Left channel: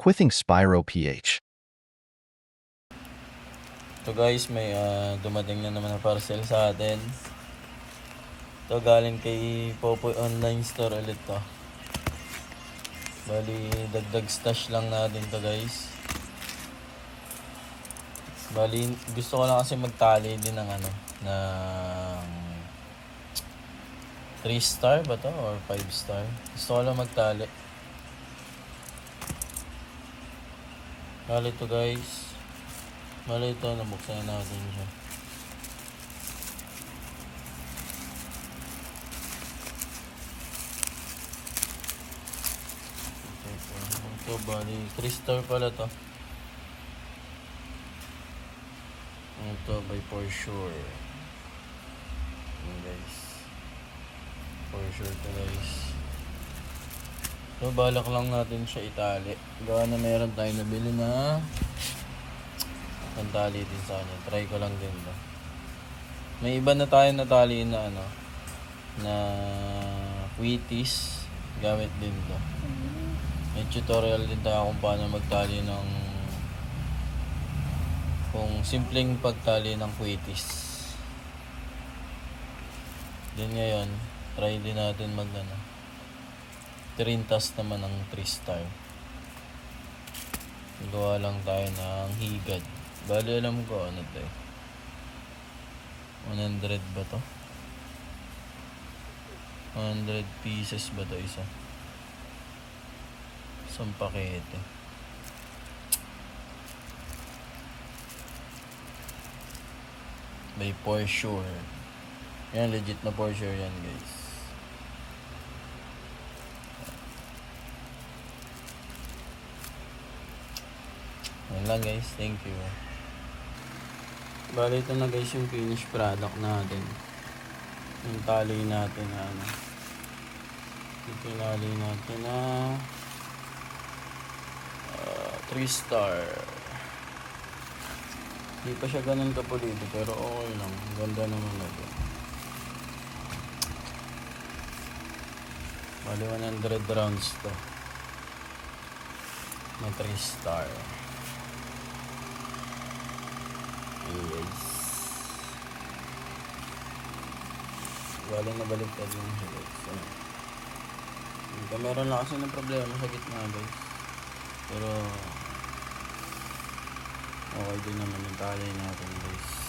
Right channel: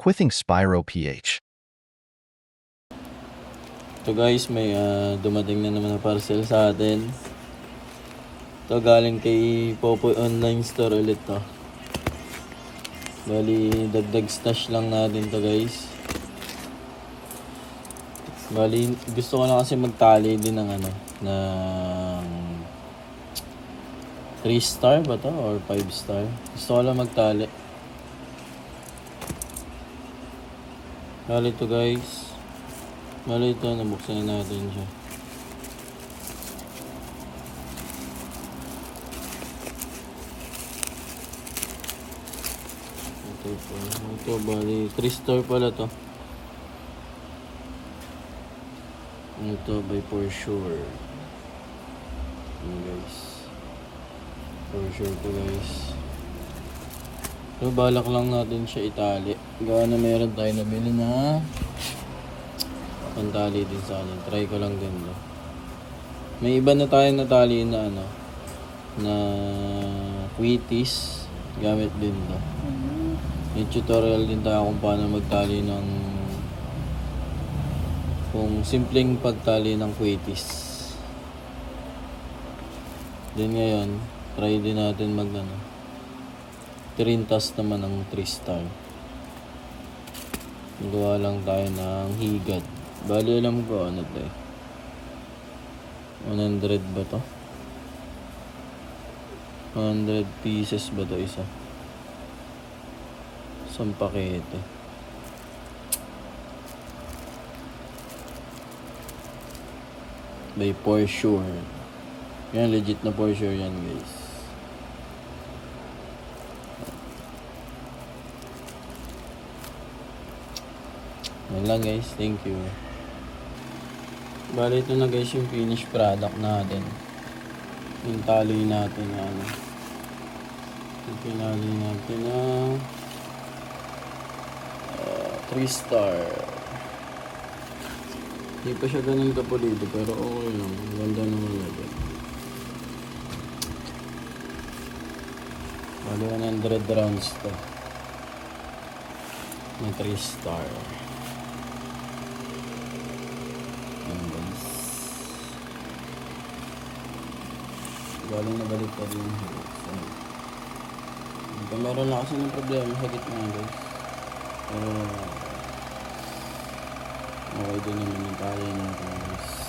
Quithing Spyro PH. Ito guys, may dumating na naman na parcel sa atin. Ito galing kay Popoy Online Store ulit to. Bali, dagdag stash lang natin to guys. Bali, gusto ko lang kasi magtali din ng ng 3 star ba to or 5 star? Gusto ko lang magtali. Bali to guys. Bali ito, nabuksan na natin siya. Ito, bali 3 star pala to. Ito by For Sure. Ayan guys. For Sure to guys. So balak lang natin siya itali. Gawa na meron tayo nabili na pantali din sa kanya. Try ko lang din to. May iba na tayo natali na na Quitties. Gamit din to. May tutorial din tayo kung paano magtali ng kung simpleng pagtali ng Quitties. Then ngayon, try din natin mag trintas naman ng 3 star. Gawa lang tayo ng higad. Bali alam ko ano to eh. 100 ba to? 100 pieces ba to isa? Isang pakete. By For Sure. Yan, legit na For Sure yan guys. Yan lang guys, thank you. Bali ito na guys yung finished product natin. Yung tali natin yan. Yung pinali natin na 3 star. Hindi pa siya ganun kapulido pero okay lang. Ganda naman natin. Bali 100 rounds to. Ng 3 star. Ayan guys. Bali na balik ka din. Meron na kasi ng problema sa gitna guys. Pero okay din naman yung kaya niya guys.